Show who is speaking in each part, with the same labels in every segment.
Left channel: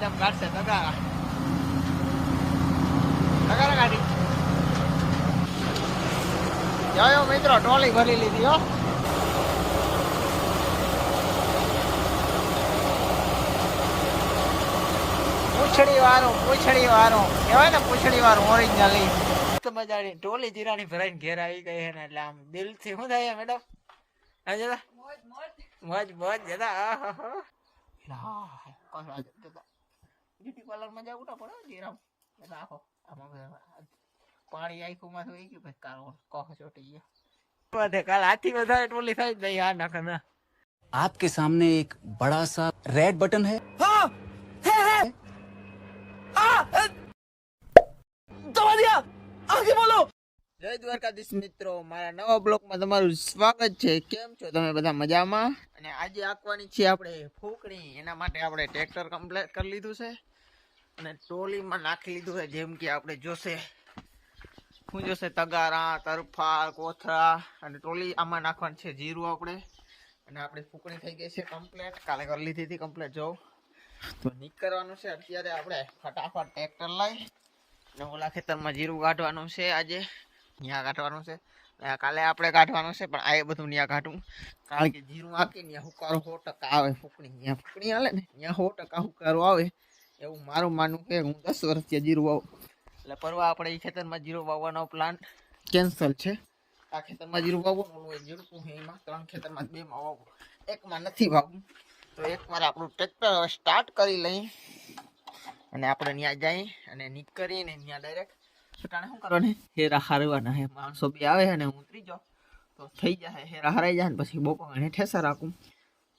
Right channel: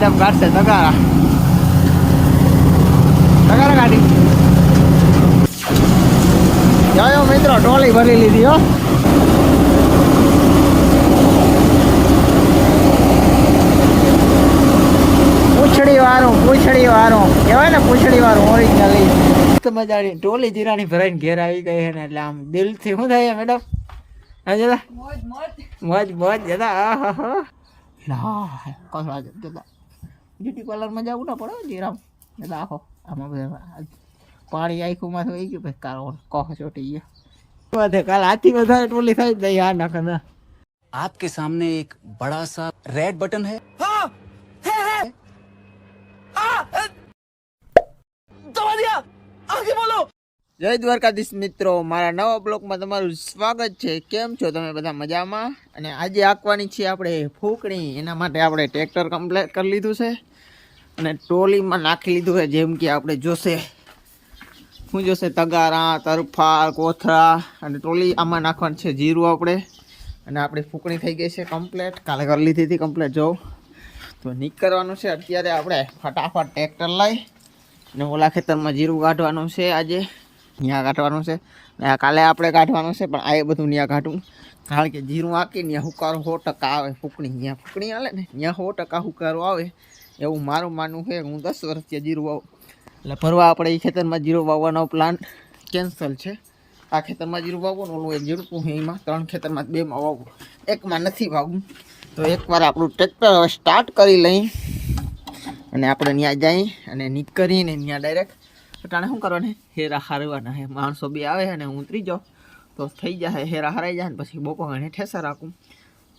Speaker 1: Madam કાઢશે તગારા તગારા કાઢી જાયો મિત્રો ટોલી ભરી લીધી હો. પૂછડી વાળું પૂછડી વાળું કહેવાય ને પૂછડી વાળું ઓરિજિનલી મજાની ટોલી જીરાની ભરાઈને ઘેર આવી ગઈ છે ને એટલે આમ દિલથી શું થાય મેડમ? જતા મોજ મોજ. જતા હા હા હા. બ્યુટી પાર્લરમાં જવું ના પડે જીરામ જતા આખો આમાં બધા પાણી આખું માં થઈ ગયું પછી કારો કોહ ચોટી ગયો વધે કાલ હાથી વધારે ટોલી થાય જ નહીં આ નાખે ના
Speaker 2: आपके सामने एक बड़ा सा रेड बटन है
Speaker 1: જય દ્વારકાધીશ મિત્રો મારા નવા બ્લોકમાં તમારું સ્વાગત છે કેમ છો તમે બધા મજામાં અને આજે આંકવાની છે આપણે ફૂકણી એના માટે આપણે ટ્રેક્ટર કમ્પ્લીટ કરી લીધું છે અને ટ્રોલીમાં નાખી લીધું છે, જેમ કે આપણે જોશે. શું જોશે? તગારા તરફા કોથળા અને ટ્રોલી આમાં નાખવાનું છે જીરું આપણે. અને આપણી ફૂકણી થઈ ગઈ છે કમ્પ્લેટ કાલે કરી લીધી હતી કમ્પ્લેટ જો. તો નીકળવાનું છે અત્યારે આપણે ફટાફટ ટ્રેક્ટર લઈ અને ઓલા ખેતરમાં જીરું કાઢવાનું છે આજે. ત્યાં કાઢવાનું છે. અને કાલે આપણે કાઢવાનું છે, પણ આ બધું ત્યાં કાઢવું. કારણ કે જીરું આકી ત્યાં હુકારો સો ટકા આવે ફૂકણી. ત્યાં ફૂકણી આવે ને ત્યાં સો ટકા હુકારો આવે. એવું મારું માનવું છે હું દસ વર્ષથી જીરું વાવું. એટલે ભરવા આપણે એ ખેતરમાં જીરું વાવવાનો પ્લાન કેન્સલ છે. આ ખેતરમાં જીરું વાવવાનું, ઓલું એક જીરું હું એમાં, ત્રણ ખેતરમાં બેમાં વાવું એકમાં નથી વાવવું. તો એકવાર આપણું ટ્રેક્ટર હવે સ્ટાર્ટ કરી લઈ. અને આપણે ત્યાં જઈ અને નીકળીને ત્યાં ડાયરેક્ટ અટાણે શું કરવાને? હેરા હારવાના હે માણસો બી આવે અને હું ઉતરી જાઉં. તો થઈ જાય હેરા હરાઈ જાય ને પછી બપોર ઠેસર રાખું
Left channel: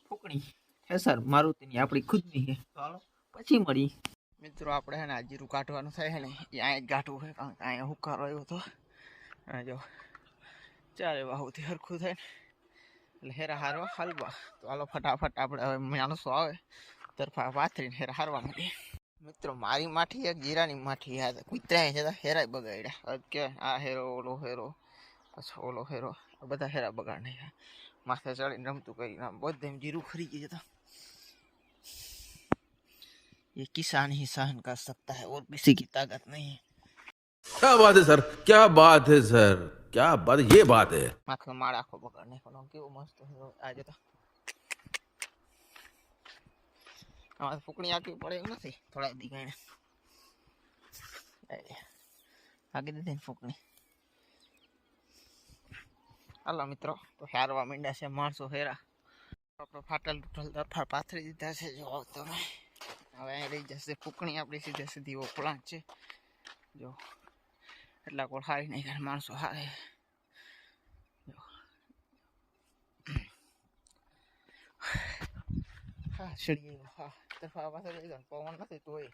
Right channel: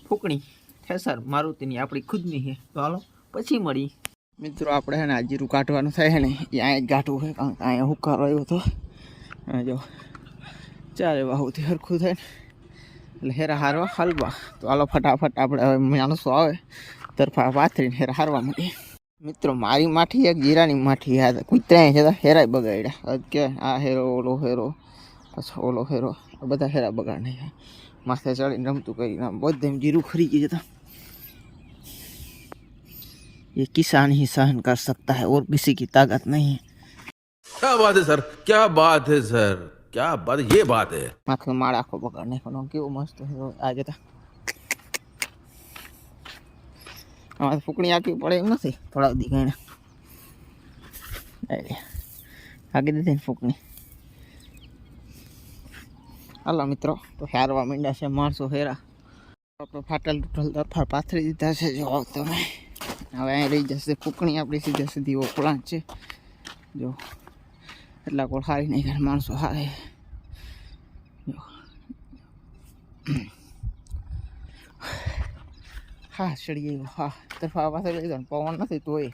Speaker 1: ફૂકણી, ઠેસર, મારુતિની આપણી ખુદની છે. તો હાલો. પછી મળી. મિત્રો, આપણે હે ને આ જીરું કાઢવાનું થાય ને અહીંયા જ કાઢવું છે, કારણ કે અહીંયા હુકારો આવ્યો હતો. અને જો, ચારે બાહુથી સરખું થાય ને, એટલે હેરા હારવા હલવા. તો હાલો ફટાફટ આપણે હવે માણસો આવે, તરફા પાથરીને હેરા હારવા માંડીએ. મિત્રો, મારી માઠી એક, જીરાની માઠી યાદ કૂતરાય છે હેરાય બગાડ્યા. કે આ હેરો, ઓલો હેરો, પછી ઓલો હેરો બધા હેરા બગાડ નહીં માથે ચડીને રમતું કરીને બધે જીરું ખરી ગયું જતા ये किसान ही सहन कर सकता है और किसी की ताकत नहीं है
Speaker 3: क्या बात है सर क्या बात है सर क्या बात ये बात है
Speaker 1: માથે માળ આખો બગાડ નાખ્યો કેવું મસ્ત હેરો આ જતા આમાં ફૂકણી આખી પડે એમ નથી થોડા દી ગઈને આગી દીધી ને ફૂકણી હાલો મિત્રો તો હારવા માંડ્યા છે માણસો હેરા આપણે ફાટલ તૂટલ તરફા પાથરી દીધા છે જો તમે હવે અહીં રહી જશે ફૂકણી આપણી સીધે સીધી ઓપલાણ છે. જો, એટલા કોળ હારી નહીં કરે માણસો હારે. હા ચડી ગયો હા, તરફા પાસે લઈ જાવ પવન નથી તોય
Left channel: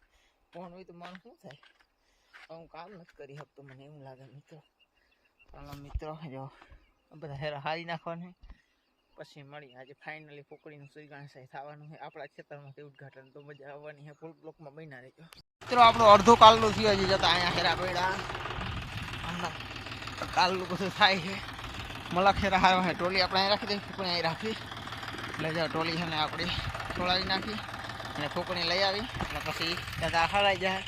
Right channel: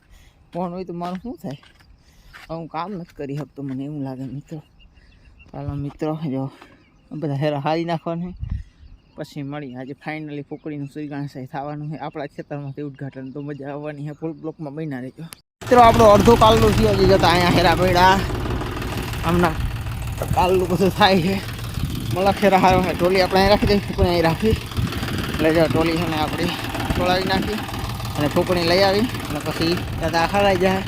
Speaker 1: પવન હોય તો મારું શું થાય? હું કામ નથી કરી શકતો, મને એવું લાગે મિત્રો. ચાલો, મિત્રો, જો બધા હેરા હારી નાખવાનું પછી મળી આજે ફાઇનલી ફૂકડીનું સુઈગાણ સાહેબ થવાનું છે. આપણા ખેતરમાંથી ઉદઘાટન તો મજા આવવાની છે. ફૂલ બ્લોકમાં બન્યા રહેજો. મિત્રો, આપણો અડધો કાલનું છે, હજી જતા અહીંયા હેરા પડ્યા હમણાં કાલનું બધું થાય છે. મળા ખેરા હારો છે, ટોલી આપણે અહીં રાખી દઈએ, ફૂકણી અહીં રાખી. એટલે જો ટોલી છે ને આપણી છોડાવી નાખી અને ફૂકણી લઈ આવી અને પછી જતા હરાઈ જાય.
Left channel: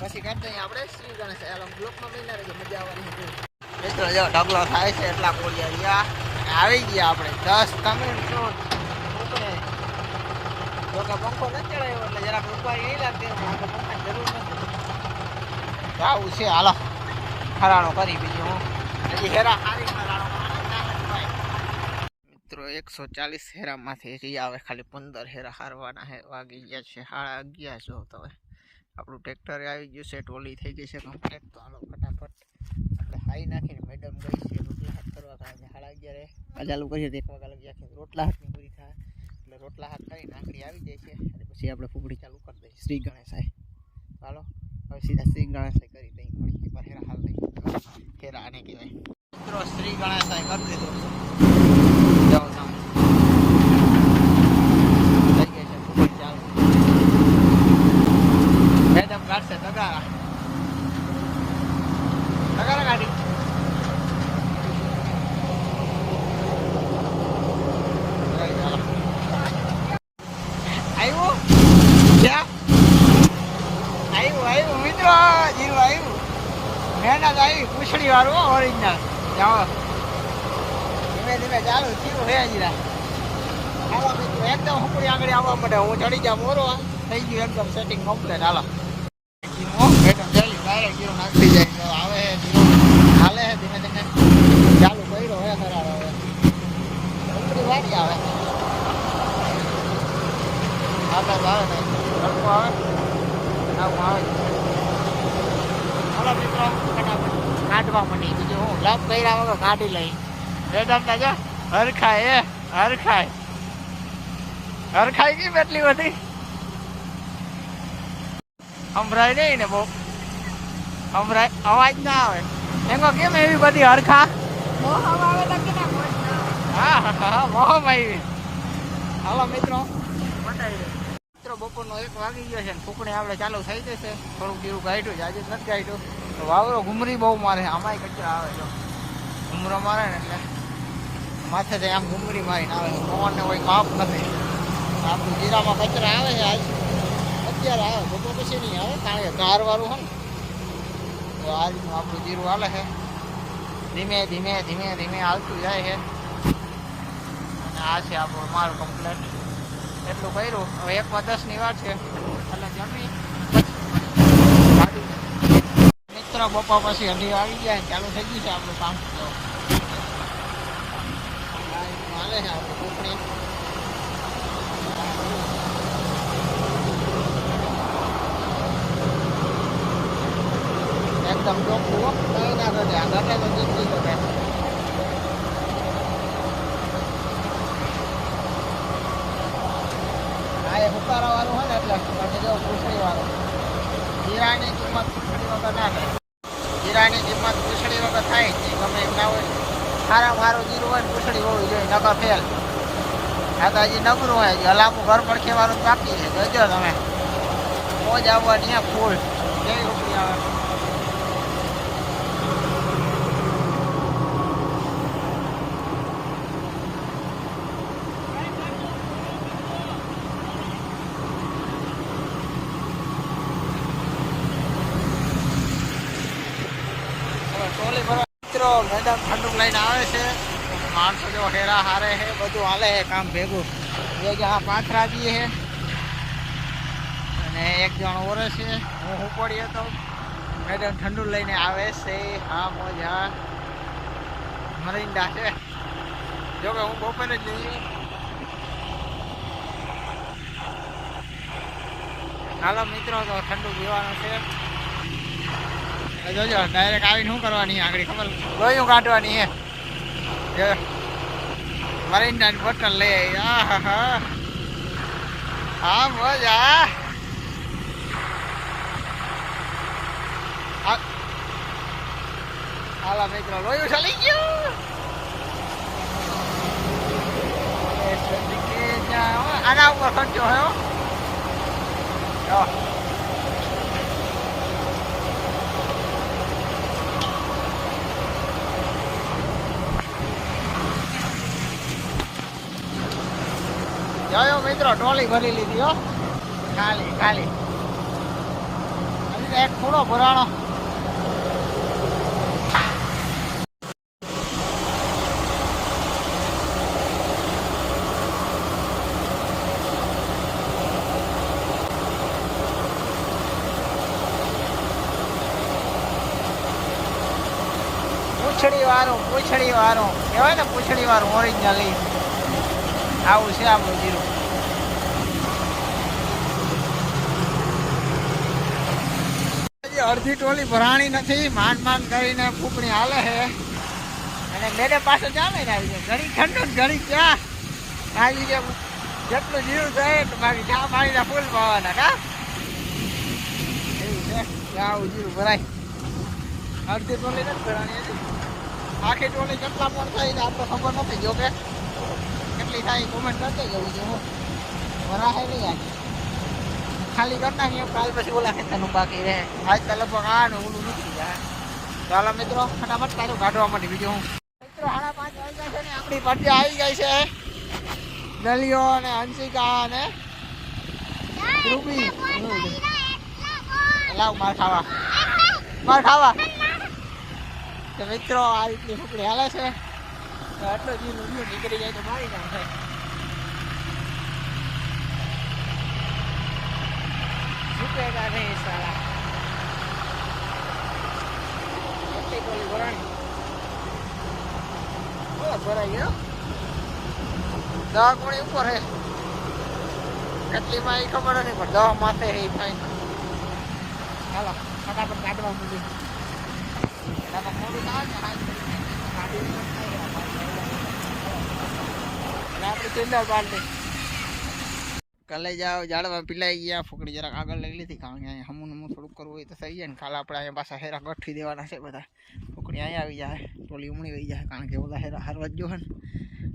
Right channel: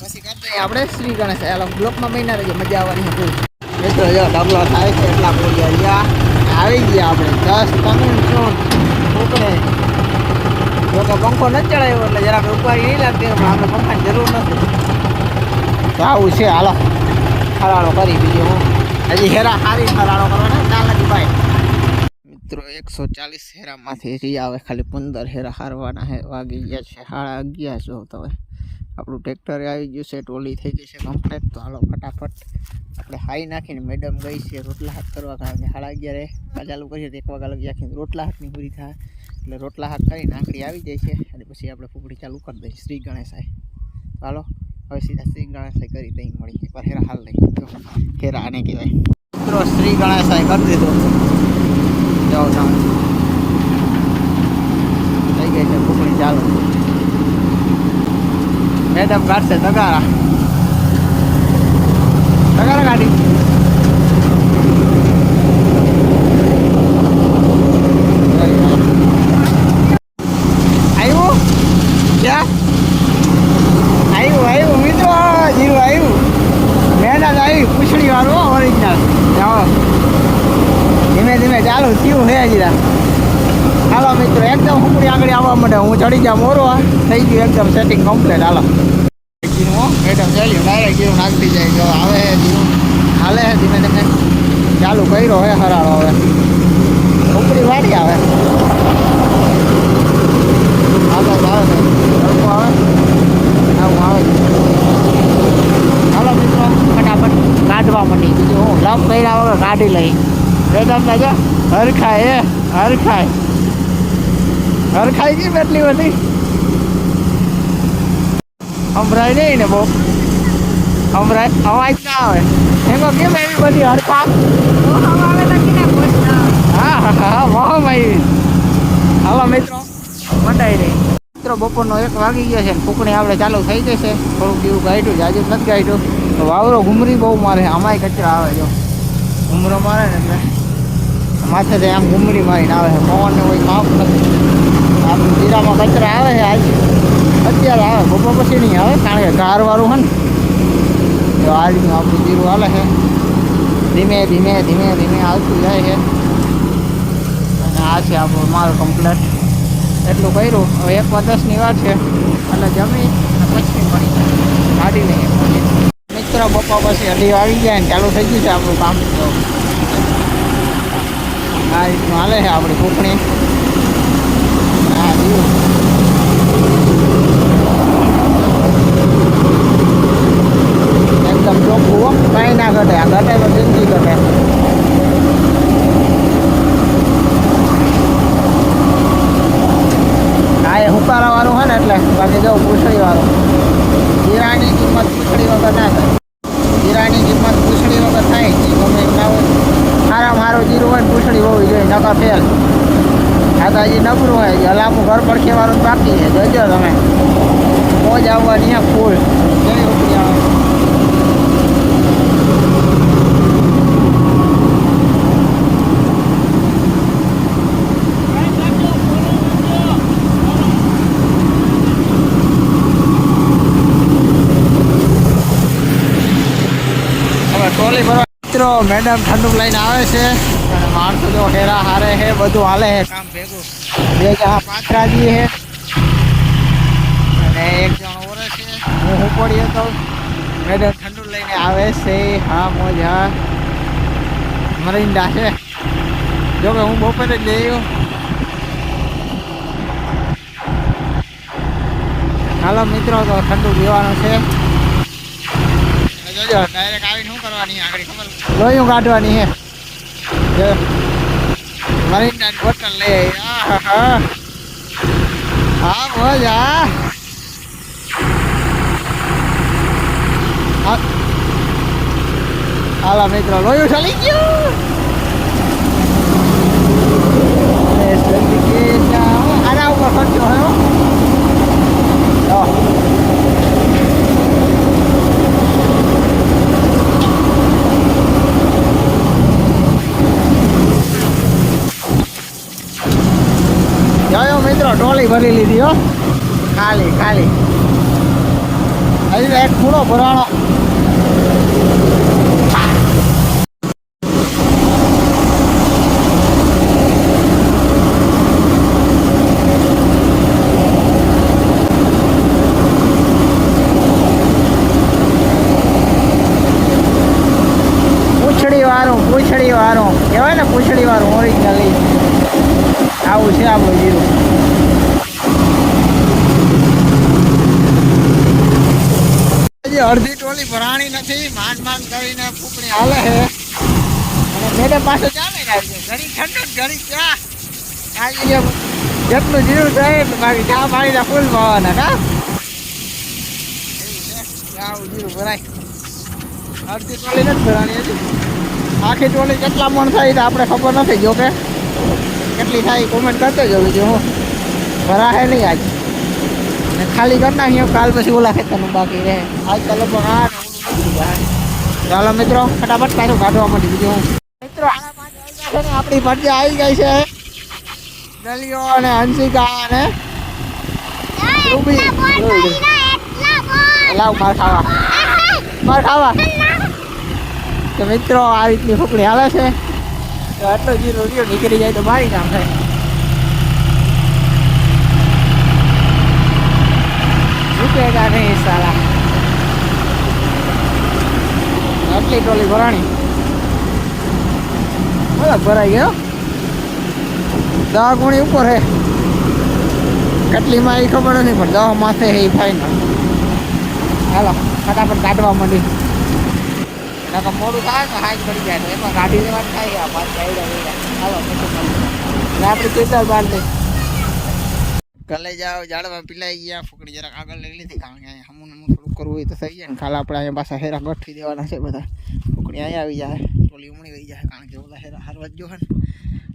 Speaker 1: પછી કરતા આપણે શ્રી ગણેશ બ્લોકમાં મહિના રહીએ મજા આવવાની હતી મિત્રો, જો ડગલો થાય છે, એટલા બોલ્યા રહ્યા. આવી ગયા આપણે. દસ તમિલ ચોન ફૂકણે જો કે પંખો નથી ચડાવ્યો એટલે જરા ઉપાડી નહીં લાગતી, પણ આપણે પંખાની જરૂર નથી. આવું છે, હાલો. ફરાળો કરી બીજો હું. હજી હેરા સારી ફરાળો ને ચાલ જ ભાઈ મિત્રો, એકસો ચાલીસ હેરામાંથી હજી આવે, ખાલી પંદર હેરા હારવાના હે. વાગી ગયા છે, સાડા અગિયાર જો તમે આપણું ટ્રેક્ટર આવી ગયું છે, ટોલી થઈ ગઈ છે કમ્પ્લેટ તો હાલો ફટાફટ આપણે હાઈ નાખીને મેડમ ગઈ છે રોટલા હાથ કરવા, કારણ કે સાડા અગિયારે ચાલુ કરીએ તો એક વાગ્યા લગી આખી રોટલા હાથની પૂરી થાય. એટલે રોટલા હાથ કરીને આંકડી આવી જાય છે. અને પછી આપણે ફૂકડી ચાલુ કરી દઈએ, શ્રી ગણેશાય ચાલો હવે સીધા શ્રી ગણેશાય કરી દઈ મળી. પર હેરા હાલ નહીં તો હેરા આને કહેવાય. મિત્રો, શ્રી ગણેશાય કરી દીધું. જાઓ જાઓ. થઈ ગઈ છે ફૂકડી ચાલુ. મેડમ કાઢશે તગારા તગારા કાઢી પૂછડી વાળો ઓરિજિનલ ધીમે ધીમે ચાલુ થયું નહીં જીરા હાલો મિત્રો, એકદમ હુંકડી આગળ આવવા માટે હું ચડી જાઉં મોરો થઈ ગયું એકદમ સેટિંગ કમ્પ્લીટ હાલો. જીરું એકદમ ચાલ્યું ડાયરેક્ટ જીરું નાખી જાય. જો આવે જીરું હાલે છે ધીમે ધીમે. ચાલુ કર્યો હે હરાળો હવે. ઉપરી વાડી આવે. આકાશ આવે ને. તડકો આવે? આવું. હાલો મિત્રો, ફટાફટ કાઢવા માંડી. બીજું હું. લપ કર્યા વગર કાઢી લઈ. વેદાંત રાજા હરખાય એ હરખાય. હરખાય ગઈ એટલી બધી. સંભળાય નહીં ને બહુ. સંભળાય અવાજ ના આવે. એમાં કેમ એવી બધી હરખા? હા હા મોહમ આવી. હાલો મિત્રો, મંડાઈ રહી. મિત્રો, બપોરનો એક વાગી ગયો છે ફૂકણી આપણે ચાલુ થઈ જશે થોડુંક એવું ગાઈડું આજે નથી ગાઈડું તો વાવરો ઘુમરી બહુ મારે આમાંય કચરા આવે જો. ઘુમરો મારે ને એટલે માથેથી આમ ઘુમરી મારીને આવે છે. પવનને કોઈ માફ નથી. આપણું જીરામાં કચરા આવે છે આજ. અત્યારે આવે, બપોર પછી નહીં આવે, કારણ કે ગારવાળું હોય ને. તો આ આપણું જીરું હાલે છે. ધીમે ધીમે ધીમે ધીમે આવતું જાય છે. અને આ છે આપણું માલ કમ્પ્લેટ એટલું કર્યું. હવે એક દસની વાર છે. એટલે જમી અને પછી મળી ગાડી લઈએ. મિત્ર બપોર પછી અઢી આવી જાય ને, ચાલુ થઈ ગયું છે આપણું કામ. આ રીતનું હાલે છે આપણી કૂકણી હા જીવું એકદમ ચોખ્ખું કાંઈ ના ઘટે હોય ને એટલે બાકી જો પૂછડી વાળું જીરાની કિંમત પૂછડી વગર ના થાય જીરાની કિંમત પૂછડી વગર થાય જ નહીં ગમે એમ ના હોય સારામાં સારું જીરું હોય ને હોવી જોઈએ નકા ફેલ આ હોય હલામું ઘર પર ખેવાનું બાકી છે જોજો તમે મોજ આવવાની ફૂલ કેવી ઉપડી આવે હવે ટ્રોલી ભરવા મિત્રો મેડમ ઠંડુ લઈને આવે છે. અને માણસો જો હેરા હારે છે, બધું હાલે છે, કામ ભેગું. બે જણા પાથરાજી છે. અને એક જણ ઓરે છે. હું હું પડી હતો મેડમ ઠંડુ લઈને આવે છે. હા, મોજ. હા મરિંડા છે. જો કે હું બપોરે જ લઈ આવ્યો. હાલો મિત્રો, તો ઠંડુ પીવાનું છે. જોજો ડાયરેક્ટ આવીને શું કરવાની આગળ ખબર લોહીયું કાઢવાની હે મરીન મરીન્ડાની બોટલ લઈ આવી. હા. હા મોજ હા. હા. હાલો, મિત્રો લોહીયું ચાલી ગયું. એ જલ્દી કે જાઓ. આના ઉપર ખર્ચો હે હો. જો. જોયો મિત્રો ટોલી ભરી લીધી હો. ખાલી ખાલી. હજી એક પૂરો ભરાણો. પૂંછડી વાળું પૂંછડી વાળું. કહેવાય ને પૂંછડી વાળું ઓરિજિનલી આવું છે આપણું જીરું. હજી અડધી ટોલી ભરાણી નથી માન માન કરીને ફૂકણી હાલે છે. અને મેડમ પાસે ચાલે ને આવી જાય ઘણી ઠંડુ ને ઘણી ચા આવી જેટલું જીવ થાય એટલું બાકી ચા પાણીના ફૂલ પાવાના કા એવું છે. કે જીરું ભરાય? અડધી ટોલી નથી ભરાણી હજી. આખી ટોલી કેટલા મણ થાય તો આપણે ખબર નથી જો કે કેટલી થાય કોમેન્ટ કરતો જો છું હું. ભરાશે નહીં આજ. ને ખાલી કરી નાખીએ કાલ પછી ઓલા ખેતરનું બાકી રહે. આજ તો લગભગ આ ને ઓલું નીકળી જાય ચાલો મિત્રો, ફટાફટ પાછું કાઢવા માટે બીજું મિત્રો, આના પાંચ વાગ્યા છે ને આપણી ભરતી આવી ગઈ છે. દલિયો અને હંસિકા અને રૂબી. લાવ માર ખાવા. માર ખાવા. તો મિત્રો, આ રીતની ફૂકડી હાલે છે. તો આટલો જીરો રહ્યો, નીકળી જાય તો મારી નામ થાય નહીં સાલા? આટલી ટોલી ભરાણી. બોલા ભરાઈ ગયો દા ગુણી ઉપર હે. કેટલીમાં એ ખબર નહીં, પણ દવા માથે હે ફાઈનલ હાલો, ફટાફટ કાઢવા માંડી. નકર મોડું થાય ને પડી જાય એમાં ગાડી લેવાની થાય આપણી ચેતર બાંધી. કલે જાઓ જાડવા પીલાઈ ગયા, ફૂકડી જરાક આગળ લઈ લીધી. કારણ કે અહીંયા હમું હમું થોડુંક કરવું હોય તો થઈ જાય ને. કાલે આપણે અહીંયા પાછા હેરા ગઠી દેવાના છે બધા. ફૂકડી અહીંયા આવી જાય, ટોલી ઉમણી ગઈ જાય, કારણ કે બધા હેરા હારવા જ ને.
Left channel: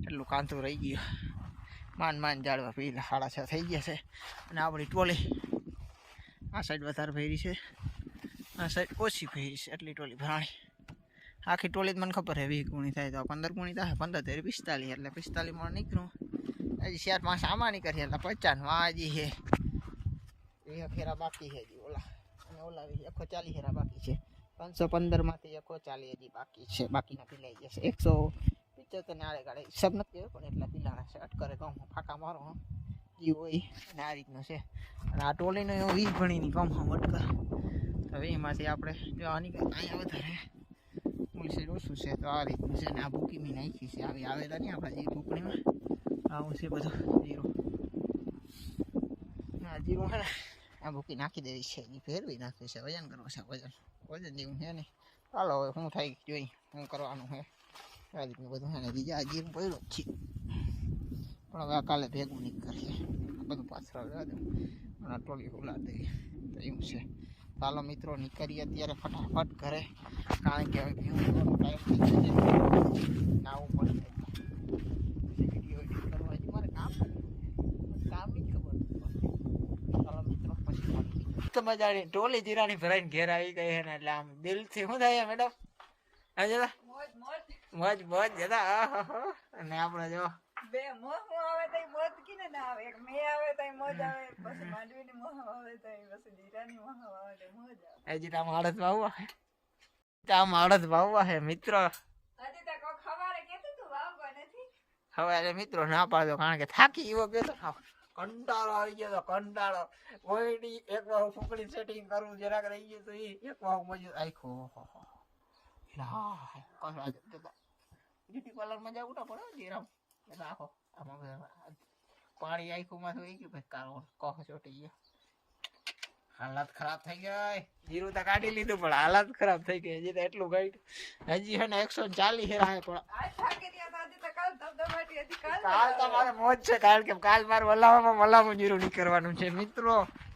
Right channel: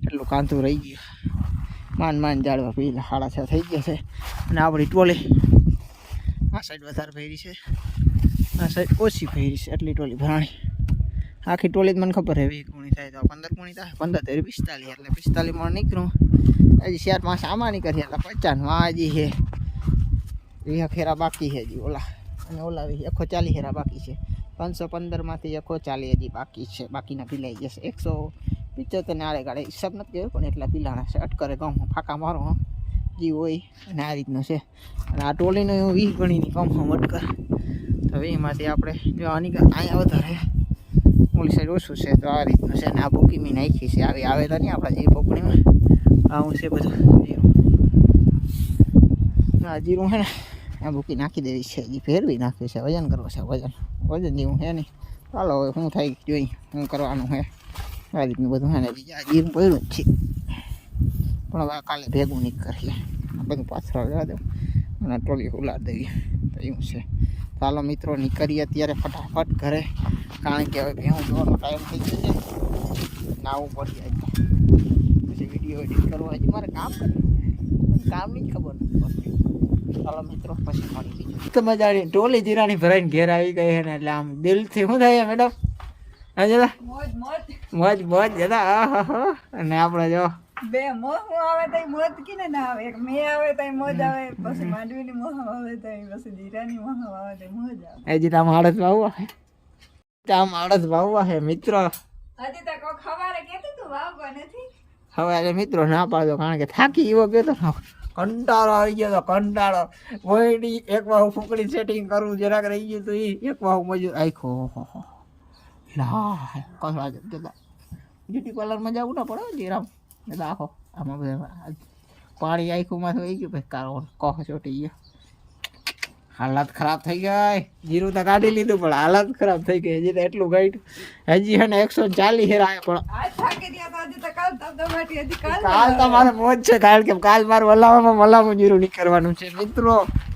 Speaker 1: એટલું કાંતું રહી ગયું. માન માન જાડવા પીલા સાડા છ થઈ ગયા છે. અને આપણી ટોલી આ સાઈડ વધારે ફેરી છે. આ સાઈડ ઓછી ફેરી છે, એટલી ટોલી ભરાણી. આખી ટોલી જ મને ખબર છે વીસ ગુણી થાય તો પંદર ગુણી થાય. પંદર તેરી પિસ્તાલીસ, એટલે પિસ્તાલીસમાં નીકળું. હજી શેરમાં સામાની નીકળી એટલે પચાસમાં હજી છે. વીસ ફેરા બાકી છે હજી ઓલા. અને ઓલા વીસ એકો ચાલીસ ફેરા બાકી છે. પાંચસો પંદરમાંથી એકસો ચાલીસ હજી બાકી છે. બાકીના પીલાઈ જશે. એકસો પિચોતેર ને આડે ગાડે હિસાબ નથી કર્યો, પણ એટલા પીલાણા છે. અટકરે કમ ફાંકા મારો જી હોય અને આ રીતનું છે. અને આ ટોલીનો એવું વીસ ગણીની કમ હમ અટકર. તો એમાંથી આપણે જો આની અહીંયા વધારે. ઓલી સાઈડ ઓછું છે, તો આ રીતનું છે. અને આ બુકી મેં નાખી છે. આવી આવે તો નહીં આપણા જે પોકણીમાં આવું છે બધું. જીરું. આ જીરું છે ને, આ ભૂકી નાખી દેવી છે. હજી ફેરવી નાખ્યું છે. વજન કરવું છે, વજન. વજન જેવું છે નહીં ચાલો હવે શું થાય જોઈ, શું કરવાનું છે. આ રીતનું બધું છે ને. બીજા જીરું પડ્યું જ છે. પણ હવે કાલે ભેગું નહીં કરીએ. આ બધું પાછળ લેવા દઉં. અને ટોલી ઉલાડ દેવી તો એવું છે. ચાલો મિત્રો, નીકળીએ અત્યારે ફટાફટ ઘરે. કારણ કે હવે ભેહું જોવાનો ટાઈમ થઈ ગયો છે. નાવું પડી જાય. વીડિયો એડિટ કરવો હજી મારે કામ કરવું મને કામની જ ખબર નથી પડતી. ચાલો મિત્રો પછી મળી જઈએ તો મજાની ટોલી જીરાની ભરાઈને ઘેર આવી ગઈ છે ને એટલે આમ દિલથી શું થાય મેડમ? હા જતા. મોજ મોજ. જતા. આહા અને આપણે જો
Speaker 4: બે મોહ હું આવે તઈ મોજ કીને ના આવે. એક મે આવે તઈ મોજ આવે પછી માંડવીની મોહ આવે તઈ પછી જીરાની મોહ આવે તઈ મોજ આવે.
Speaker 1: આળસ વાવવા છે. તામ આળસ વાવવા છે મિત્રો.
Speaker 4: હજી તો ખવારે કેતું તું નથી.
Speaker 1: હવે આજે મિત્રો ના પાડો કારણ કે થાકી એવો ગયો કંટાળો આવી ગયો તો કંટાળો. વહીડી એક વાહુ ફૂકડી સેટિંગ કરવું જરાક રહી ગયું તો એ એક વાહુ મજૂર આખો લા કસવા જતા બ્યુટી પાર્લરમાં જવું ના પડે જીરામ એટલે આખો આમાં પાણી આખું થઈ ગયું, ભાઈ કારો કહ ચોટી ગયો હાલત ખરાબ થઈ ગઈ. જીરું તો કાઢી લીધું, પણ હાલત ખરાબ થઈ ગઈ. હજી તો એટલું ગાઈડ હજી હે ને એકસો ચાલીસ હેરા પણ
Speaker 4: કાલ
Speaker 1: તો મારે મોજ છે, કારણ કે કાલ મારે મલાવામાં મલામું જીરું નીકળવાનું છે. મિત્રો,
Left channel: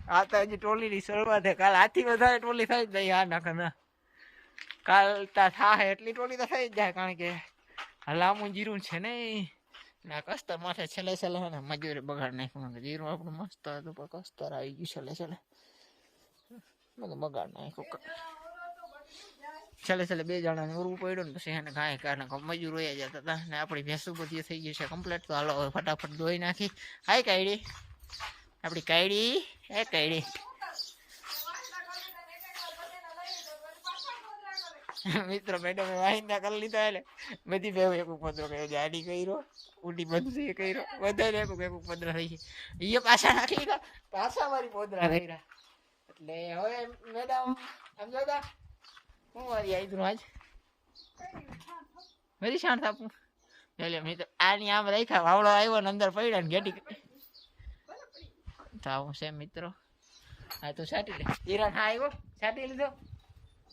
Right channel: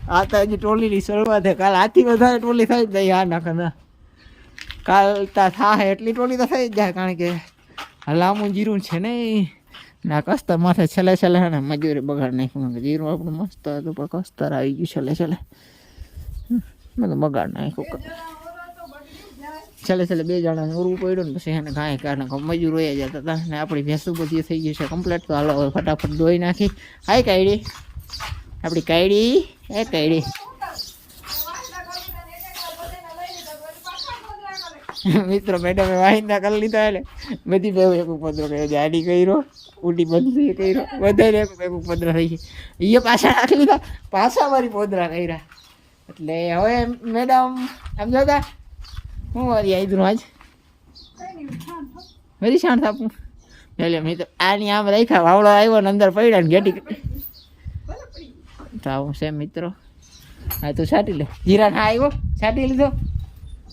Speaker 1: આ તો હજી ટોલીની શરૂઆત છે કાલ આથી વધારે ટોલી થઈ જ જાય આ નાખે ના. કાલ તા થાય એટલી ટોલી તો થઈ જ જાય, કારણ કે હલામું જીરું છે ને ના કસ્તર માથે છેલ્લે છેલ્લે ને, મજૂરી બગાડ નાખ્યું. જીરું આપણું મસ્ત હતું, પણ કસ્તર આવી ગયું છેલ્લે છેલ્લે હમ, તો બગાડ નાખ્યું. છેલ્લે છેલ્લે બે જણાને ઉરવું પડ્યું ને પછી એને કાંઈ કારણે મજૂર વયા જતા હતા ને આપણી ભેંસું બધી થઈ ગઈ છે કમ્પ્લેટ તો હાલો હવે ફટાફટ ધોઈ નાખી. હાય કાયડી. આપણી કાયડી. એ કાયડી. મિત્રો મેડમે વાહિંદા કરી લીધા એટલે બધી બે એક ઉપદ્રો કર્યો જાડી કર્યો. ઉડી બંધી કર્યો. બધાને એક એક થઈ ગઈ. એ પાછા રાખી લીધા. પાછા મારી પોદરા કર્યા. એટલે હવે મેડમ, આમ જોતા, હું વારી દઉં આજ? વેરી શાંત આપું એટલે મેં તો આની આમ રાખ્યા, વાવડો આવ્યો ને અંદર પડ્યા ને ગેટી તો આવું છે મિત્રો. હા, તું છાંટી લે. જીરા ના આવ્યો છાંટી લીધો?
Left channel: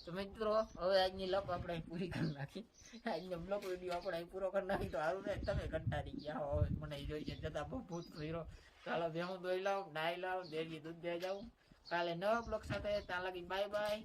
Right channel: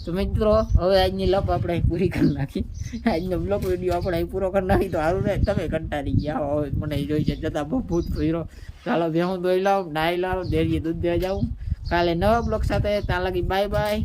Speaker 1: તો મિત્રો, હવે આજની લપ આપણે પૂરી કરી નાખી. આજનો બ્લોક વીડિયો આપણે પૂરો કરી નાખી. તો સારું ને, તમે કંટાળી ગયા હવે મને જોઈ છે, જતા બહુ ભૂત ભર્યો. ચાલો ભેહું દોઈ લાવ, નાઈ લાવ, દેરીએ દૂધ દેવા જાઉં. કાલે નવા બ્લોક સાથે ત્યાં લગી બાય બાય